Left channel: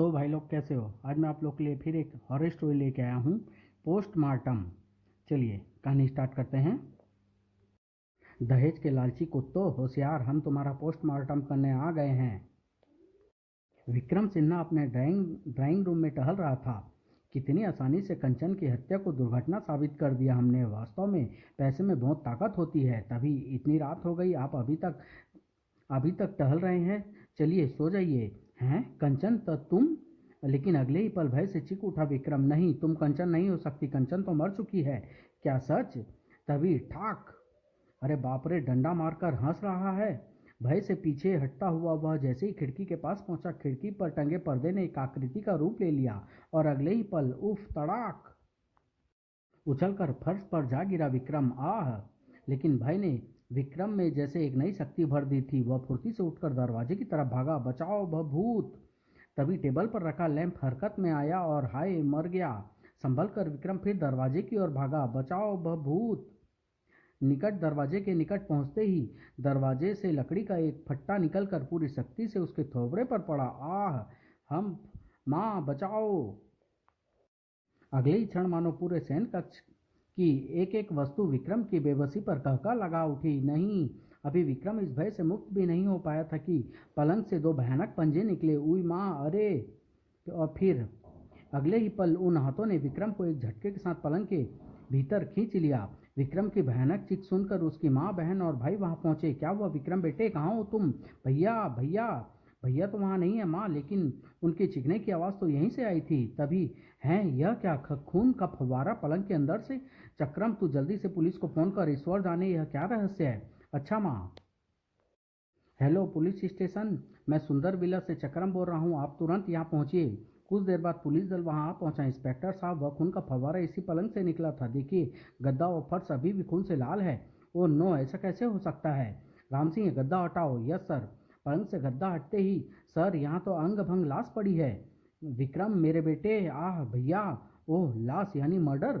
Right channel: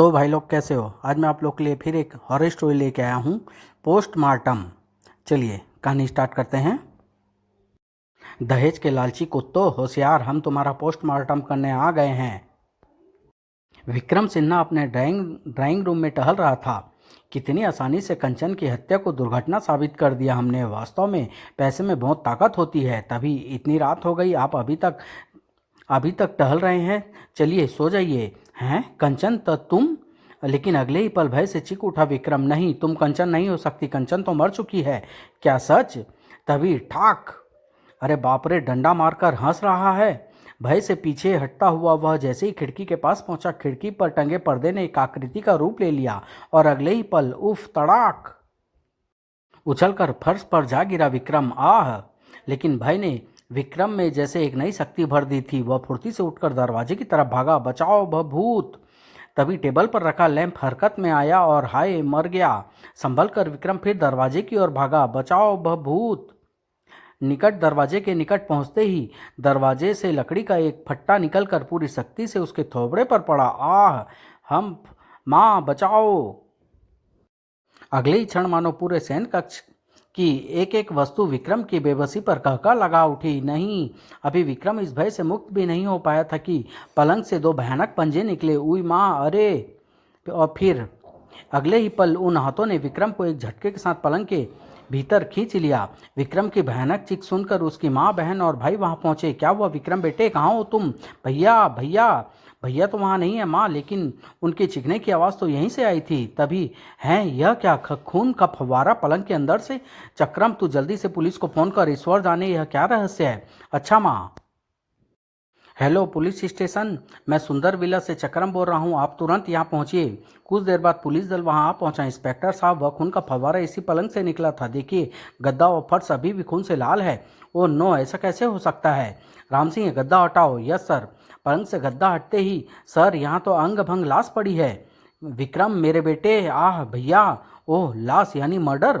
तो भाई लोग कैसे हो। आज मैं आप लोग के लिए फिर एक हॉरर स्टोरी लेके आया हूँ, पोस्टमार्टम। चलिए कहानी स्टार्ट करते हैं। दहेज के लालची कुत्तों होशियार, हम तुम्हारा पोस्टमार्टम करने आ गए हैं। विक्रम सिन्हा अपने ड्राइंग रूम में टहल रहा था। कितनी आसानी से कंचन की हत्या को दुर्घटना साबित कर दिया हमने। वास्तव में पैसे में बहुत ताकत होती है। तभी इतनी रात हो गई, आप अभी तक टहल रहे हैं। चलिए सो जाइए। हैं कंचन, तो तुम? लेकिन अगले ही पल भय से चीख उठा विक्रम। नहीं, तुम कंचन नहीं हो सकती। कंचन तो मर चुकी है। क्या सच? तभी ठाक! अरे बाप रे! डंडा मारकर हंस रहा है। भय से पीछे हटता हुआ वह जैसे ही खिड़की के पास पहुंचा, खिड़की पर टंगे पर्दे ने एक आकृति का रूप ले लिया और अगले ही पल उफ तड़ाक! उछलकर फर्श पर जा गिरा विक्रम। आह! लेकिन भय ने विक्रम में जैसे एक नई शक्ति भर दी थी। वह फुर्ती से उठकर दरवाजे की तरफ भागा। बचाओ भूत! तभी टेबल पर रखा लैंप हरकत में आया और हाय, मर गया। संभल कर विक्रम फिर दरवाजे की ओर भागा। बचाओ भूत! दरवाजे के निकट पहुंचते ही दरवाजे से लकड़ी का एक फट्टा निकलकर पूरी सख्ती से उसके थोबड़े पर पड़ा। आह! हम माँ बचाओ! अगले ही क्षण मानो पूरे सैन कक्ष की एक एक वस्तु विक्रम की बेबसी पर कहका लगा उठी। नहीं, अभी विक्रम इस भय से मुक्त भी नहीं हो पाया था कि पलंग से दो भयानक पंजे निकले। उई माँ, अरे! और फिर अगले ही पल उन हाथों ने विक्रम को एक झटके के साथ पलंग के भीतर खींच लिया। विक्रम की भयानक चीख सुनकर उसकी माँ, बहन और भाई वहां पहुंचे। क्या हुआ विक्रम बेटे, कहाँ हो तुम? भैया भैया! भैया तो वहां नहीं है माँ, लेकिन उनके चीखने की आवाज़ तो यहीं से आई थी। तभी हैं, यह क्या? खून का फव्वारा पलंग के अंदर से। चक्रम, तू जल्दी से पुलिस को फोन कर। ईश्वर जाने यह क्या रहस्य है। अच्छा माँ। हेलो पुलिस स्टेशन, मैं सुंदर विला से चक्रम बोल रहा हूँ। आप तुरंत यहाँ पहुँचिए। कुछ देर बाद पुलिस दल वहाँ आ पहुँचा। इंस्पेक्टर साहब, वह खून का फव्वारा इसी पलंग से निकला था। देखिए, गद्दा और फर्श अभी भी खून से लाल है। ओह नो, ऐसा कैसे हो सकता है? राम सिंह, गद्दा हटाओ। Yes sir. पलंग से गद्दा हटते ही, सर यहाँ तो अंग भंग लाश पड़ी है। विक्रम मेरे बेटे! आह भैया! ओह, लाश यानी मर्डर!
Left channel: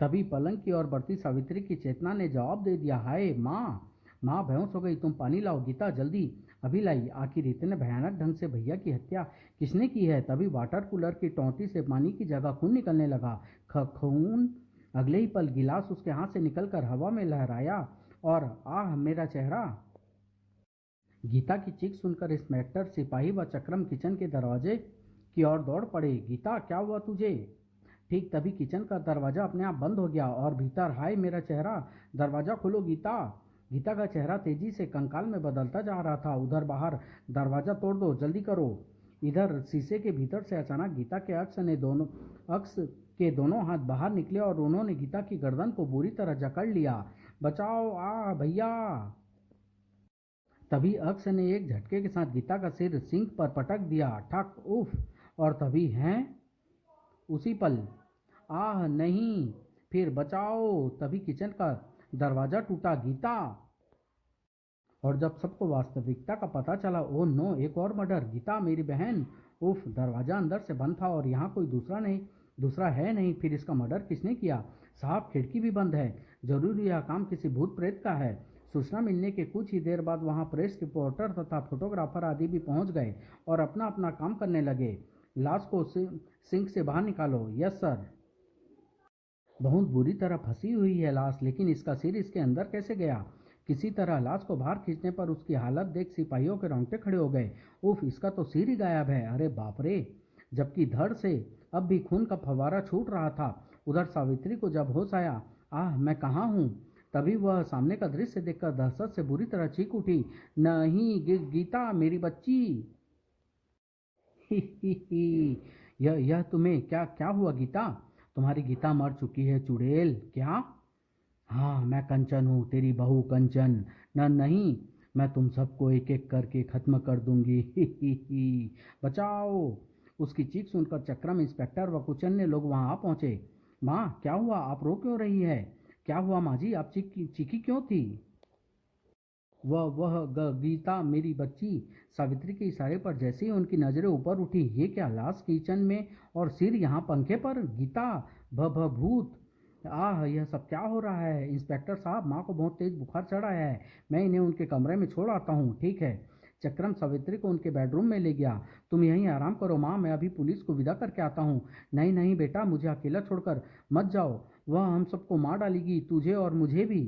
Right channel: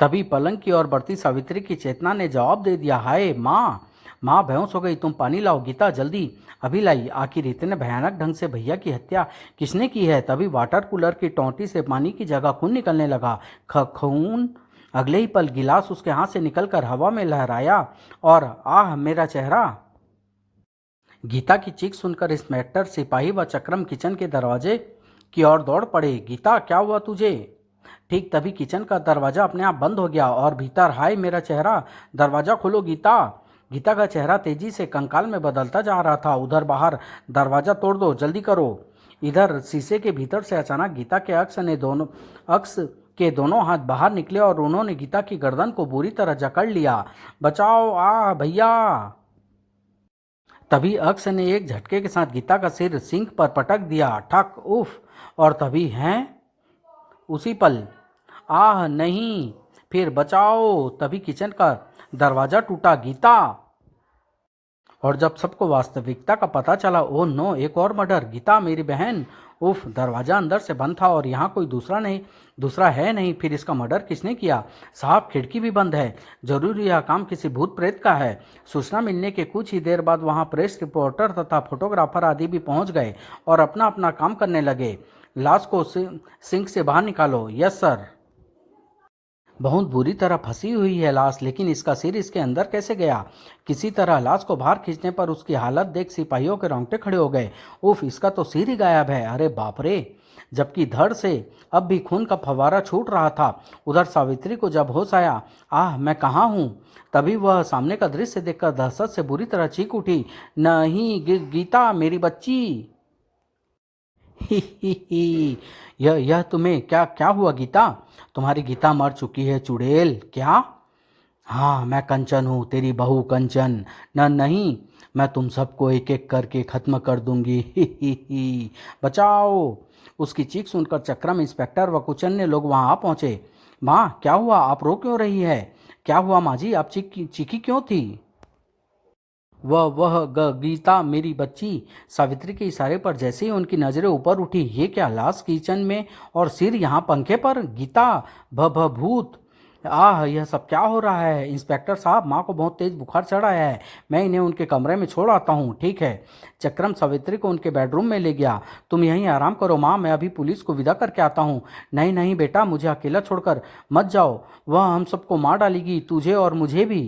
तभी पलंग की ओर बढ़ती सावित्री की चेतना ने जवाब दे दिया। हाय माँ! माँ बेहोश हो गई। तुम पानी लाओ। गीता जल्दी! अभी लाई। आखिर इतने भयानक ढंग से भैया की हत्या किसने की है? तभी वाटर कूलर की टोंटी से पानी की जगह खून निकलने लगा। खून! अगले ही पल गिलास उसके हाथ से निकलकर हवा में लहराया और आह मेरा चेहरा! गीता की चीख सुनकर इंस्पेक्टर, सिपाही व चक्रम किचन के दरवाजे की ओर दौड़ पड़े। गीता, क्या हुआ तुझे? ठीक तभी किचन का दरवाजा अपने आप बंद हो गया और भीतर, हाय मेरा चेहरा! दरवाजा खोलो गीता! गीता का चेहरा तेजी से कंकाल में बदलता जा रहा था। उधर बाहर, दरवाजा तोड़ दो, जल्दी करो। इधर शीशे के भीतर से अचानक गीता के अक्स के दोनों हाथ बाहर निकले और उन्होंने गीता की गर्दन को बुरी तरह जकड़ लिया। बचाओ! आ भैया! तभी अक्स ने एक झटके के साथ गीता का सिर सिंक पर पटक दिया। ठक! उफ! और तभी हैं, उसी पल, आह नहीं! फिर बचाओ! तभी किचन का दरवाजा टूटा। गीता! और जब सबको वास्तविकता का पता चला, ओह नो, एक और मर्डर! गीता मेरी बहन! उफ! दरवाजा अंदर से बंद था और यहाँ कोई दूसरा है नहीं। फिर इसका मर्डर किसने किया? साहब, खिड़की भी बंद है। जरूर यह काम किसी भूत प्रेत का है। सूचना मिलने के कुछ ही देर बाद वहाँ प्रेस रिपोर्टर तथा फोटोग्राफर आदि भी पहुँच गए और अपना अपना काम करने लगे। लाश को सिंक से बाहर निकालो। Yes sir. बहुत बुरी तरह फंसी हुई है लाश, लेकिन इसका सिर इसके अंदर कैसे गया? किसी तरह लाश को बाहर खींचने पर उसकी हालत देख सिपाहियों के रोंगटे खड़े हो गए। उफ! इसका तो सिर ही गायब है। अरे बाप रे! जबकि धड़ से अब भी खून का फव्वारा छूट रहा था। उधर सावित्री को जब होश आया, आह मैं कहाँ हूँ, तभी वह सामने का दृश्य देखकर दहशत से बुरी तरह चीख उठी। नहीं, गीता मेरी बच्ची! ही ही ही! यह तुम्हें क्या क्या हुआ गीता? तुम्हारी गीता मर चुकी है चुड़ैल। क्या? हाँ, मैं कंचन हूँ, तेरी बहू कंचन। नहीं, मैं तुम सबको एक एक करके खत्म कर दूंगी। ही। बचाओ! उसकी चीख सुनकर चक्रम, इंस्पेक्टर व कुछ अन्य लोग वहां आ पहुंचे। माँ क्या हुआ? आप रो क्यों रही है? क्या हुआ माँ जी? आप चीखी क्यों थी? गीता मेरी बच्ची! सावित्री के इशारे पर जैसे ही उनकी नजरें ऊपर उठी, ये क्या? लाश किचन में और सिर यहाँ पंखे पर? गीता! भूत! आह, यह सब क्या हो रहा है? इंस्पेक्टर साहब, माँ को बहुत तेज बुखार चढ़ आया है। मैं इन्हें उनके कमरे में छोड़ आता हूँ। ठीक है। चक्रम सावित्री को उनके बेडरूम में ले गया। तुम यहीं आराम करो माँ, मैं अभी पुलिस को विदा करके आता हूँ। नहीं नहीं बेटा, मुझे अकेला छोड़कर मत जाओ। वह हम सबको मार डालेगी, तुझे और मुझे भी।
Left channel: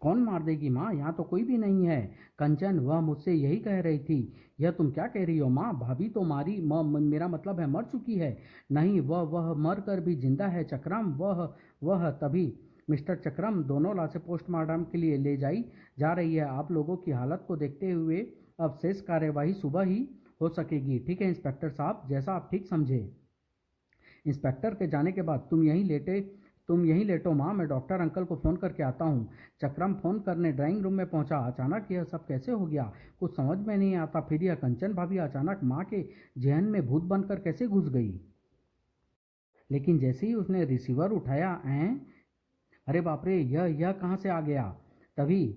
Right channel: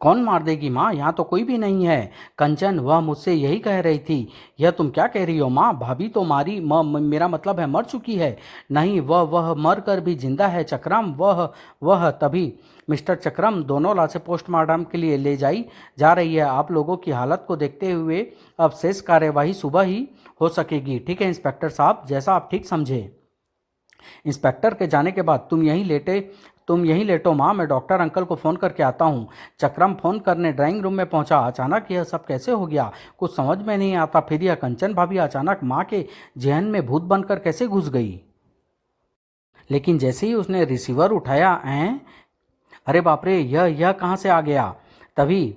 कौन मार देगी माँ? यहाँ तो कोई भी नहीं है। कंचन, वह मुझसे यही कह रही थी। यह तुम क्या कह रही हो माँ? भाभी तो मारी मेरा मतलब है मर चुकी है। नहीं, वह मर कर भी जिंदा है चक्रम। वह तभी मिस्टर चक्रम, दोनों लाशें पोस्टमार्टम के लिए ले जाई जा रही है। आप लोगों की हालत को देखते हुए अब शेष कार्यवाही सुबह ही हो सकेगी। ठीक है इंस्पेक्टर साहब, जैसा आप ठीक समझे। इंस्पेक्टर के जाने के बाद तुम यहीं लेटो माँ, मैं डॉक्टर अंकल को फ़ोन करके आता हूँ। चक्रम फ़ोन करने ड्राइंग रूम में पहुँचा। अचानक यह सब कैसे हो गया, कुछ समझ में नहीं आता। फिर यह कंचन भाभी अचानक माँ के जहन में भूत बनकर कैसे घुस गई? लेकिन जैसे ही उसने रिसीवर उठाया, अरे बाप रे, यह कहाँ से आ गया? तभी,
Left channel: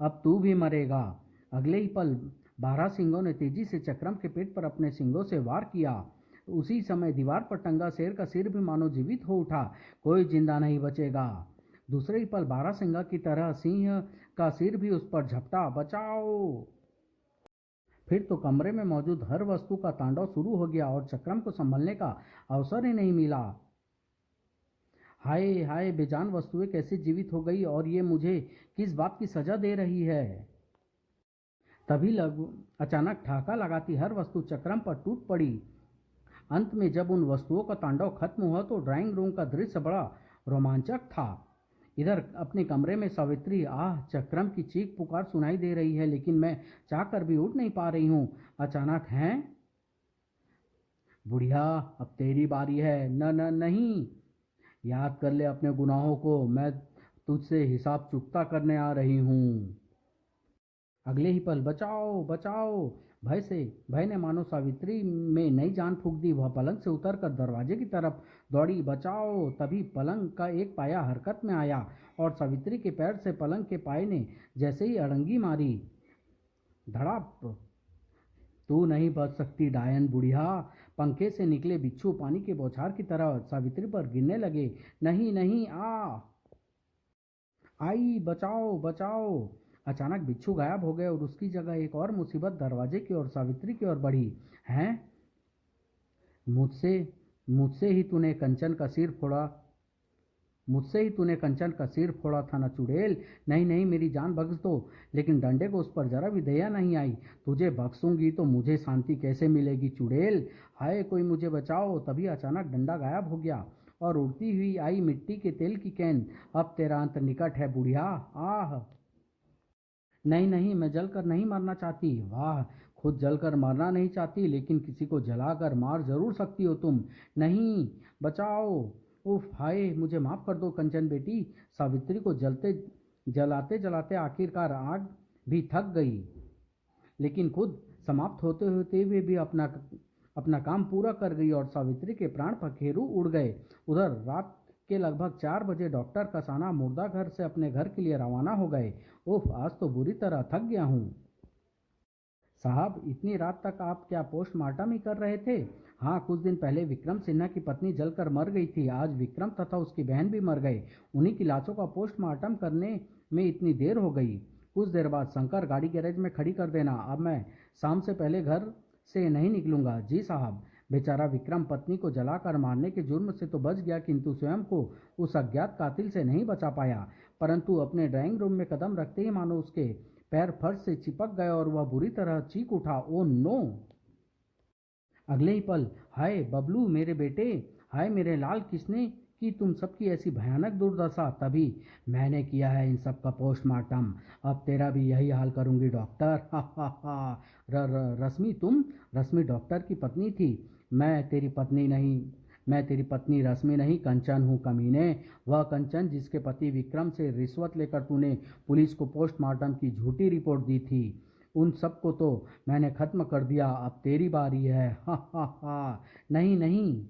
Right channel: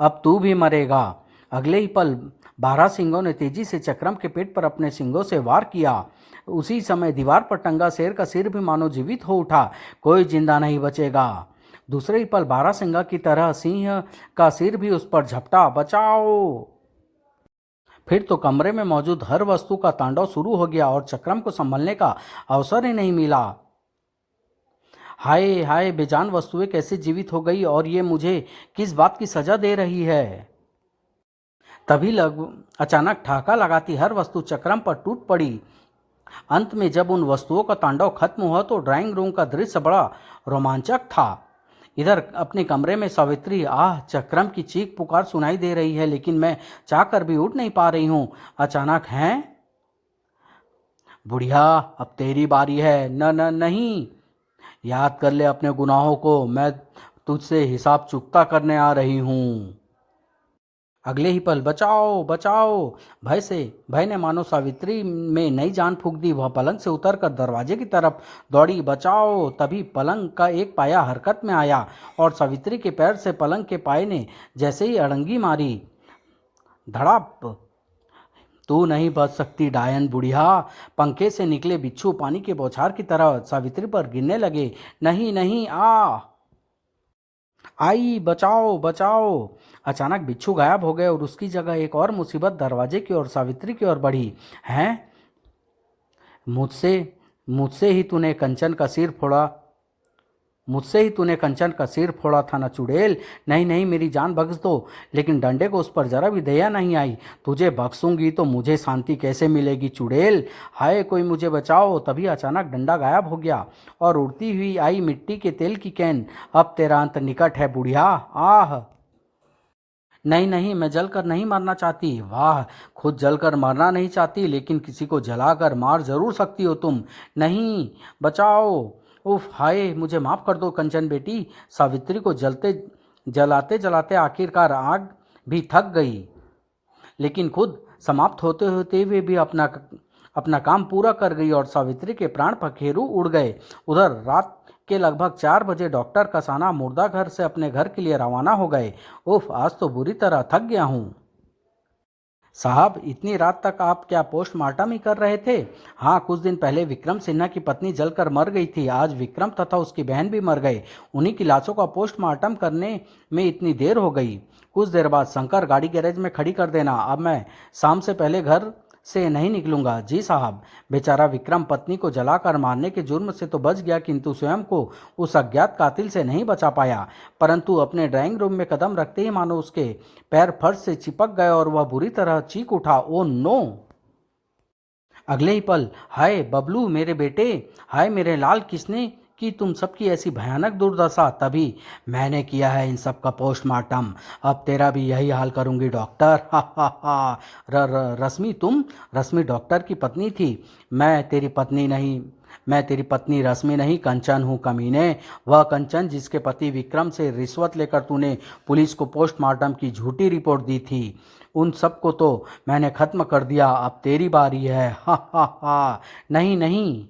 अब तू भी मरेगा। अगले ही पल 12 सिंगों ने तेजी से चक्रम के पेट पर अपने सिंगों से वार किया। उसी समय दीवार पर टंगा शेर का सिर भी मानो जीवित हो उठा। कोई जिंदा नहीं बचेगा। दूसरे ही पल 12 सिंगा की तरह सिंह का सिर भी उस पर झपटा। बचाओ! फिर तो कमरे में मौजूद हर वस्तु का तांडव शुरू हो गया और चक्रम को संभलने का अवसर ही नहीं मिला। हाय हाय, बेजान वस्तुएं कैसे जीवित हो गई, और ये मुझे किस बात की सजा दे रही है? तभी अचानक ठहाका लगाती हर वस्तु चक्रम पर टूट पड़ी। अंत में जब उन वस्तुओं का तांडव खत्म हुआ तो ड्राइंग रूम का दृश्य बड़ा रोमांचक था। इधर अपने कमरे में सावित्री, आह, चक्रम की चीख पुकार सुनाई दे रही है, लेकिन मैं चाहकर भी उठ नहीं पा रही हूँ। अचानक, हैं बुढ़िया, अब तेरी बारी है। न न नहीं, याद कर ले अपने गुनाहों को, मैं तुझसे हिसाब चुकता करने आ रही हूँ। अगले ही पल, बचाओ बचाओ! भय ने मानो सावित्री में नई जान फूंक दी। वह पलंग से उतरकर दरवाजे की तरफ दौड़ी। बचाओ! तभी पलंग का एक पाया हरकत में आया और सावित्री के पैर से पलंग के पाये ने जैसे ही अड़ंगी मारी, धड़ाप! तू नहीं बच सकती डायन बुढ़िया! पंखे से निकले बिच्छू पानी के बौछार की तरह सावित्री पर गिरने लगे। नहीं नहीं, आई, बचाओ बचाओ! अचानक बिच्छू गायब हो गए और उसकी जगह एक और मुसीबत दरवाजे की ओर, सावित्री की ओर बढ़ी। हैं? मुझसे मुझसे ही तूने कंचन का सिर फोड़ा मुझसे ही तूने कंचन का सिर फोड़ा था ना चुड़ैल? नहीं नहीं, मेरी जान बख्श दो। लेकिन डंडे को उस पर जरा भी दया नहीं आई। तुझे बख्शूंगी तो मुझे शांति कैसे मिलेगी चुड़ैल? हाय, कोई मुझे बचाओ! तभी अचानक डंडा गायब हो गया और उड़ती हुई आई मिट्टी के तेल की कैन। अब तेरा अंत निकट है बुढ़िया। आह! नहीं नहीं, मैं जलकर नहीं मरना चाहती। वाह, खुद जलकर मरना नहीं चाहती, लेकिन किसी को जलाकर मार जरूर सकती हो तुम। नहीं, बचाओ! उफ, हाय, मुझे माफ कर दो कंचन बेटी। सावित्री को जलाते जलाते आखिरकार आग भी थक गई, लेकिन खुद समाप्त होते होते हुए भी अपना अपना काम पूरा कर गई और सावित्री के प्राण पखेरु उड़ गए। उधर रात के लगभग 4 बजे डॉक्टर कसाना मुर्दा घर से अपने घर के लिए रवाना हो गए। उफ, आज तो बुरी तरह थक गया हूँ। साहब, इतनी रात तक आप क्या पोस्टमार्टम ही कर रहे थे? हाँ, कुछ दिन पहले विक्रम सिन्हा की पत्नी जलकर मर गई थी। आज विक्रम तथा उसकी बहन भी मर गए। उन्हीं की लाशों का पोस्टमार्टम करने में इतनी देर हो गई। कुछ देर बाद शंकर, गाड़ी गैरेज में खड़ी कर देना। अब मैं शाम से पहले घर से नहीं निकलूंगा। जी साहब। बेचारा विक्रम पत्नी को जलाकर मारने के जुर्म से तो बच गया, किंतु स्वयं को उस अज्ञात कातिल से नहीं बचा पाया। परंतु अपने ड्राइंग रूम में कदम रखते ही मानो उसके पैर फर्श से चिपक गए और वह बुरी तरह चीख उठा। Oh no! अगले ही पल, हाय बबलू मेरे बेटे! हाय मेरे लाल, किसने की तुम सबकी ऐसी भयानक दुर्दशा? तभी, मैंने किया है इन सब का पोस्टमार्टम। अब तेरा भी यही हाल करूंगी डॉक्टर। हा हा हा। रश्मि, तुम? रश्मि डॉक्टर की पत्नी थी। मैं तेरी पत्नी रश्मि नहीं, कंचन हूँ कमीने। वह कंचन जिसके पति विक्रम से रिश्वत लेकर तूने पुलिस को पोस्टमार्टम की झूठी रिपोर्ट दी थी। उन सबको तो मैंने खत्म कर दिया। अब तेरी बारी है। हा हा हा। नहीं नहीं।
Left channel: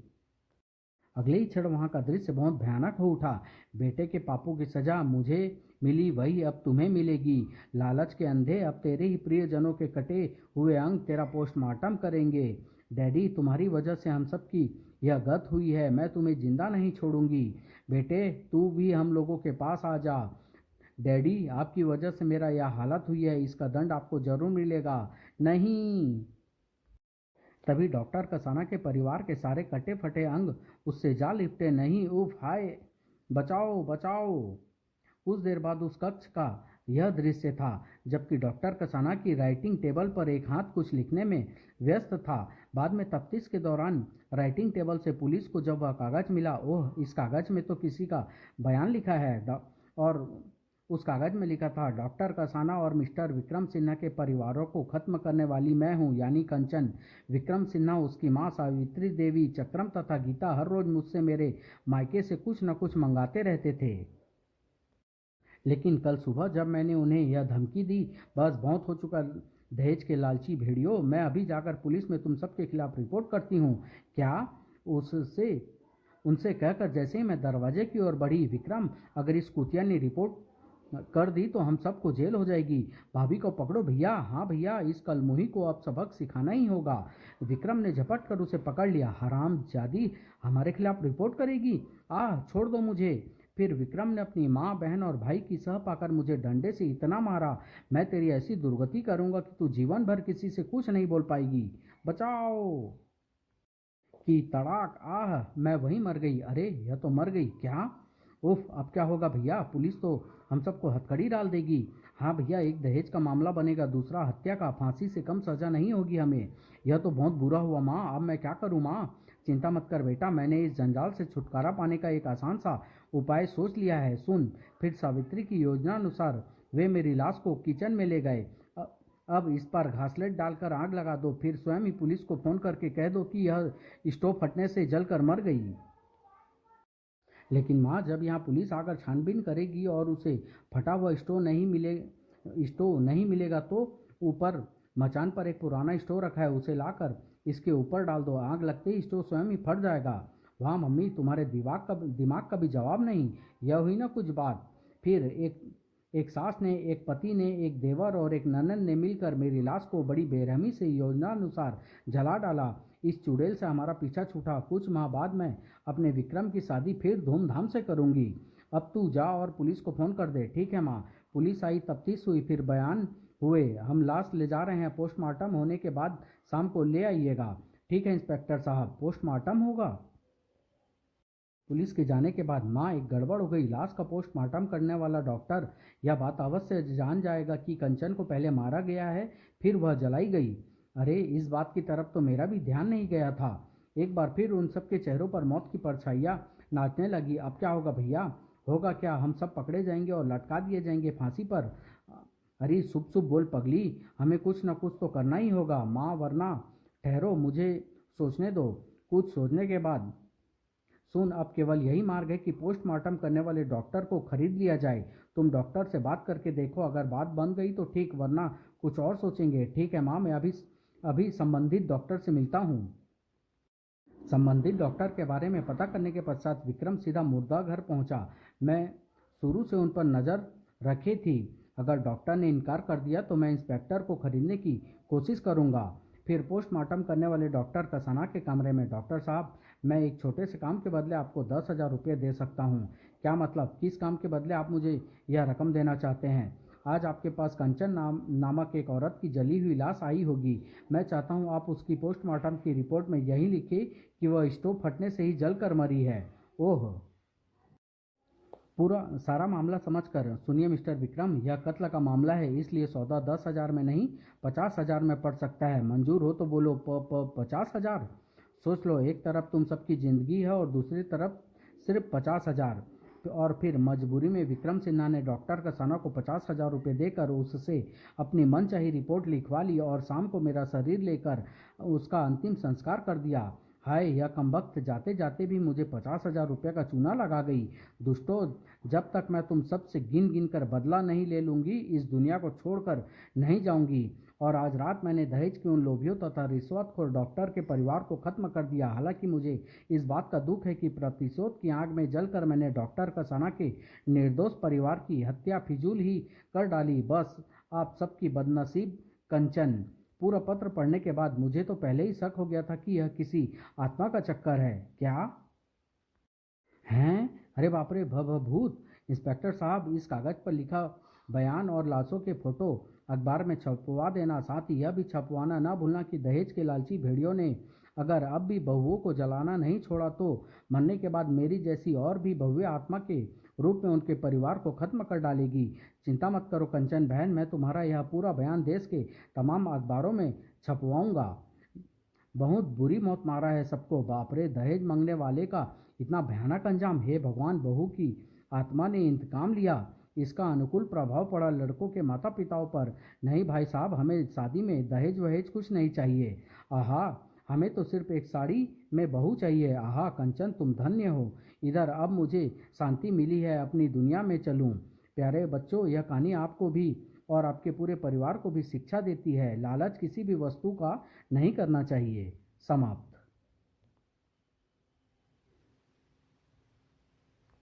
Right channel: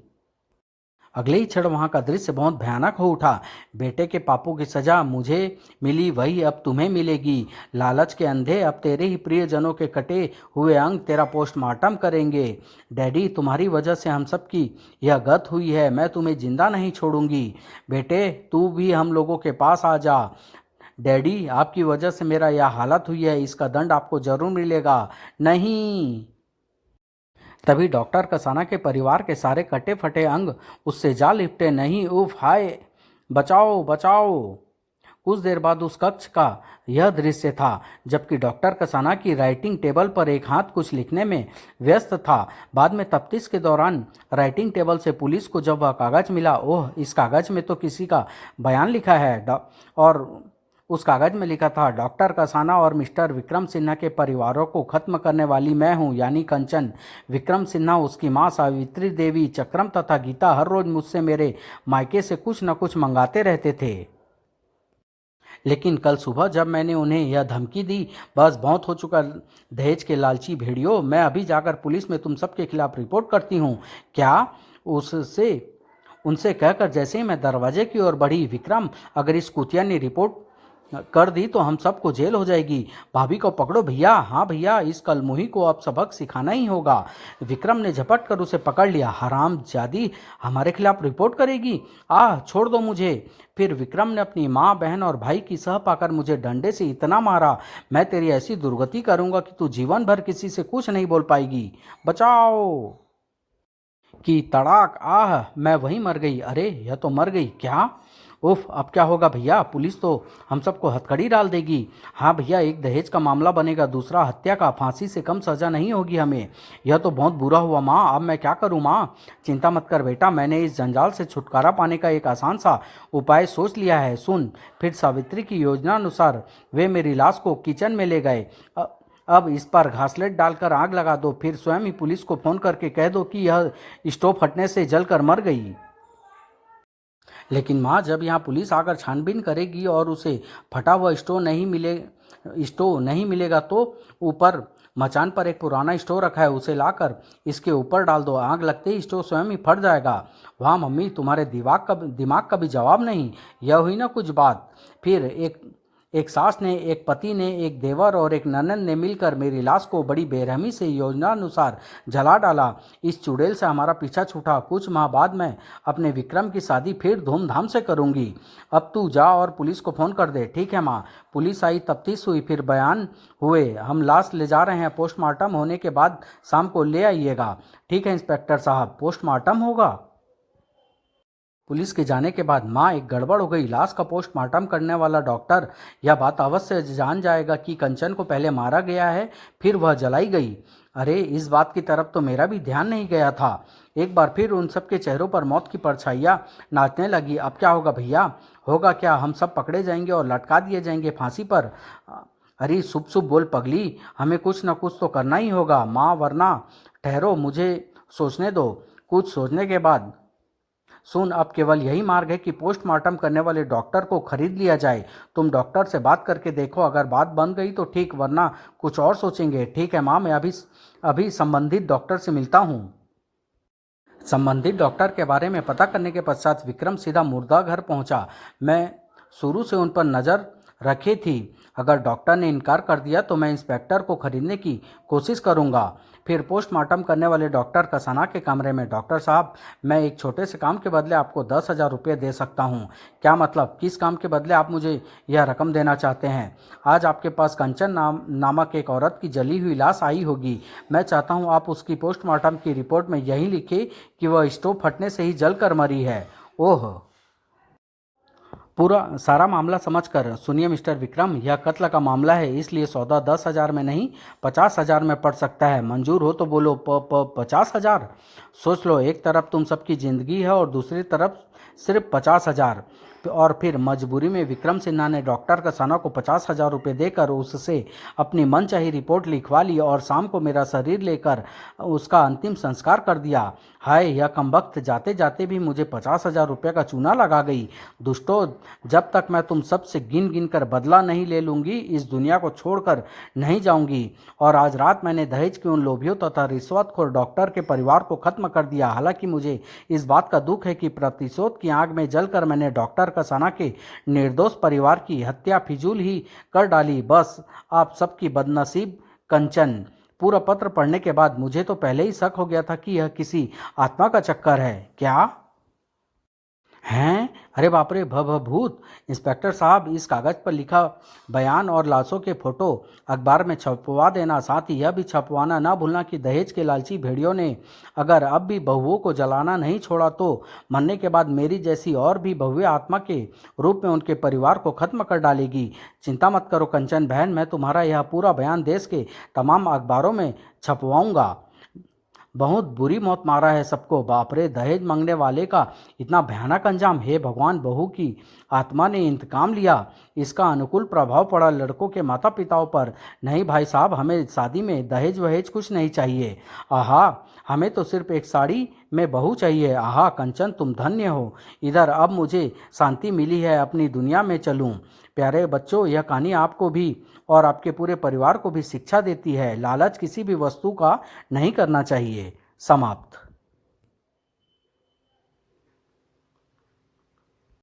अगले ही क्षण वहाँ का दृश्य बहुत भयानक हो उठा। बेटे के पापों की सजा मुझे मिली, वही अब तुम्हें मिलेगी। लालच के अंधे अब तेरे ही प्रियजनों के कटे हुए अंग तेरा पोस्टमार्टम करेंगे। डैडी, तुम्हारी वजह से हम सब की यह गत हुई है, मैं तुम्हें जिंदा नहीं छोड़ूंगी। बेटे, तू भी हम लोगों के पास आ जा। डैडी, आपकी वजह से मेरा यह हालत हुई है, इसका दंड आपको जरूर मिलेगा। नहीं। तभी डॉक्टर कसाना के परिवार के सारे कटे फटे अंग उससे जा लिपटे। नहीं, उफ, हाय, बचाओ बचाओ। कुछ देर बाद उस कक्ष का यह दृश्य था जबकि डॉक्टर कसाना की राइटिंग टेबल पर एक हाथ कुछ लिखने में व्यस्त था। बाद में तफ्तीश के दौरान राइटिंग टेबल से पुलिस को जब वह कागज मिला, ओह, इस कागज में तो किसी का बयान लिखा है। और उस कागज में लिखा था, डॉक्टर कसाना और मिस्टर विक्रम सिन्हा के परिवारों को खत्म करने वाली मैं हूं, यानी कंचन। विक्रम सिन्हा, उसकी मां सावित्री देवी, चक्रम तथा गीता हर रोज मुझसे मेरे मायके से कुछ न कुछ मंगाते रहते थे। लेकिन कल सुबह जब मैंने उन्हें यह धमकी दी, बस बहुत हो चुका दहेज के लालची भेड़ियों, मैं अभी जाकर पुलिस में तुम सबके खिलाफ रिपोर्ट करती हूँ। क्या? उससे उनसे कहकर जैसे ही मैं दरवाजे की ओर बढ़ी, विक्रम, अगर इस कुतिया ने रिपोर्ट कर दी तो हम सबको जेल हो जाएगी। भाभी को पकड़ो भैया। हाँ भैया, इस कलमुही को अब सबक सिखाना ही होगा। विक्रम ने झपट कर उसे पकड़ लिया। हराम जादी, हमारे खिलाफ रिपोर्ट करेगी? छोड़ दो मुझे। फिर विक्रम ने अपनी माँ, बहन और भाई की सह पाकर मुझे डंडे से इतना मारा, मैं तेरी ऐसी दुर्गति करूंगा कि तू जीवन भर किसी से कुछ नहीं बोल पाएगी। बचाओ। कि तड़ाक, मैं वहीं मर गई। अरे, यह तो मर गई क्या? उफ, अब क्या होगा भैया? पुलिस तो हम सबको हथकड़ी डाल देगी। हाँ भैया, एक दहेज का मामला बनेगा, दूसरा हत्या का। फांसी से कम सजा नहीं होगी हमें। यह तो बहुत बुरा हुआ माँ, अब मैं क्या करूँ माँ? चिंता मत कर बेटा, मैंने इस जंजाल से छुटकारा पाने का एक आसान सा उपाय सोच लिया है, सुन। फिर सावित्री की योजना अनुसार वे मेरी लाश को किचन में ले गए। अब इस पर घासलेट डालकर आग लगा दो, फिर स्वयं ही पुलिस को फोन करके कह दो कि यह स्टोव फटने से जलकर मर गई। लेकिन माँ, जब यहाँ पुलिस आकर छानबीन करेगी और उसे फटा हुआ स्टोव नहीं मिलेगा तो ऊपर मचान पर एक पुराना स्टोव रखा है, उसे लाकर इसके ऊपर डाल दो। आग लगते ही स्टोव स्वयं ही फट जाएगा। वाह मम्मी, तुम्हारे दिमाग का भी जवाब नहीं। यह हुई ना कुछ बात। फिर एक सास ने, एक पति ने, एक देवर और एक ननद ने मिलकर मेरी लाश को बड़ी बेरहमी से योजना अनुसार जला डाला। इस चुड़ैल से हमारा पीछा छूटा। कुछ माह बाद मैं अपने विक्रम की शादी फिर धूमधाम से करूंगी। अब तू जा और पुलिस को फोन कर दे। ठीक है माँ। पुलिस आई, तफ्तीश हुई, फिर बयान हुए। हम लाश ले जा रहे हैं, पोस्टमार्टम होने के बाद शाम को ले आइएगा। ठीक है इंस्पेक्टर साहब, पोस्टमार्टम होगा। पुलिस के जाने के बाद माँ, एक गड़बड़ हो गई। लाश का पोस्टमार्टम करने वाला डॉक्टर यह बात अवश्य जान जाएगा कि कंचन को पहले मारा गया है, फिर वह जलाई गई। अरे, इस बात की तरफ तो मेरा भी ध्यान नहीं गया था। एक बार फिर उन सबके चेहरों पर मौत की परछाइयाँ नाचने लगी। अब क्या होगा भैया? होगा क्या? हम सब पकड़े जाएंगे और लटका दिए जाएंगे फांसी पर। अरे शुभ शुभ बोल पगली, हमें कुछ न कुछ तो करना ही होगा माँ, वरना। ठहरो, मुझे सोचने दो। कुछ सोचने के बाद, सुन, अब केवल यही मार्ग है कि पोस्टमार्टम करने वाले डॉक्टर को खरीद लिया जाए। तुम डॉक्टर से बात करके देखो, अगर बात बन गई तो ठीक, वरना कुछ और सोचेंगे। ठीक है माँ, मैं अभी संबंधित डॉक्टर से मिलता हूँ। संबंधित डॉक्टर के बारे में पता करने के पश्चात विक्रम सीधा मुर्दा घर पहुँचा। मैं शुरू से उन पर नज़र रखी थी। अगर डॉक्टर ने इनकार कर दिया तो मैं इंस्पेक्टर को खरीदने की कोशिश करूँगा। फिर पोस्टमार्टम करने वाले डॉक्टर कसाना के कमरे में, डॉक्टर साहब, मैं एक छोटे से काम के बदले आपको 10,000 रुपये दे सकता हूँ। क्या मतलब? किस काम के बदले आप मुझे यह रकम देना चाहते हैं? आज आपके पास कंचन नामक एक औरत की जली हुई लाश आई होगी। मैं चाहता हूँ आप उसकी पोस्टमार्टम की रिपोर्ट में यही लिखे कि वह स्टोव फटने से ही जलकर मरी है। ओह, पूरा सारा मामला समझकर सुनिए मिस्टर विक्रम, यह कत्ल का मामला है, इसलिए सौदा 10,000 में नहीं 50,000 में पड़ सकता है। मंजूर हो तो बोलो 50,000। सोच लो, एक तरफ तुम सबकी जिंदगी है और दूसरी तरफ सिर्फ 50,000। और फिर मजबूरी में विक्रम सिन्हा ने डॉक्टर कसाना को 50,000 रुपये देकर उससे अपनी मनचाही रिपोर्ट लिखवा ली और शाम को मेरा शरीर लेकर उसका अंतिम संस्कार कर दिया। हाय, यह कमबख्त जाते जाते भी मुझे 50,000 रुपये का चूना लगा गई। दुष्टों, जब तक मैं तुम सब से गिन गिन कर बदला नहीं ले लूँगी, इस दुनिया को छोड़कर नहीं जाऊँगी। और आज रात मैंने दहेज के उन लोभियों तथा रिश्वतखोर डॉक्टर के परिवार को खत्म कर दिया। हालांकि मुझे इस बात का दुख है कि प्रतिशोध की आग में जलकर मैंने डॉक्टर कसाना के निर्दोष परिवार की हत्या फिजूल ही कर डाली। बस आप सबकी बदनसीब कंचन। पूरा पत्र पढ़ने के बाद मुझे तो पहले ही शक हो गया था कि यह किसी आत्मा का चक्कर है। क्या हैं? अरे बाप रे, भूत। इंस्पेक्टर साहब, इस कागज़ पर लिखा बयान और लाशों के फोटो अखबार में छपवा देना। साथ ही यह भी छपवाना ना भूलना कि दहेज के लालची भेड़ियों ने अगर अब भी बहुओं को जलाना नहीं छोड़ा तो मरने के बाद मेरी जैसी और भी भव्य आत्मा के रूप में उनके परिवार को खत्म कर डालेगी। चिंता मत करो कंचन बहन, मैं तुम्हारा यह पूरा बयान देश के तमाम अखबारों में छपवाऊंगा। बहुत बुरी मौत मारा है सबको। बाप रे, दहेज मांगने वाले का इतना भयानक अंजाम। हे भगवान, बहू की आत्मा ने इंतकाम लिया। इसका अनुकूल प्रभाव पड़ा लड़कों के माता पिताओं पर। नहीं भाई साहब, हमें शादी में दहेज वहेज कुछ नहीं चाहिए। आहा, हमें तो सिर्फ एक साड़ी में बहू चाहिए। आहा कंचन, तुम धन्य हो। इधर अब मुझे शांति मिली है, अपनी दुनिया में चलूं। प्यारे बच्चों, यह कहानी आपको भी और आपके पूरे परिवार को भी शिक्षा देती है। लालच किसी भी वस्तु का नहीं करना चाहिए। समाप्त।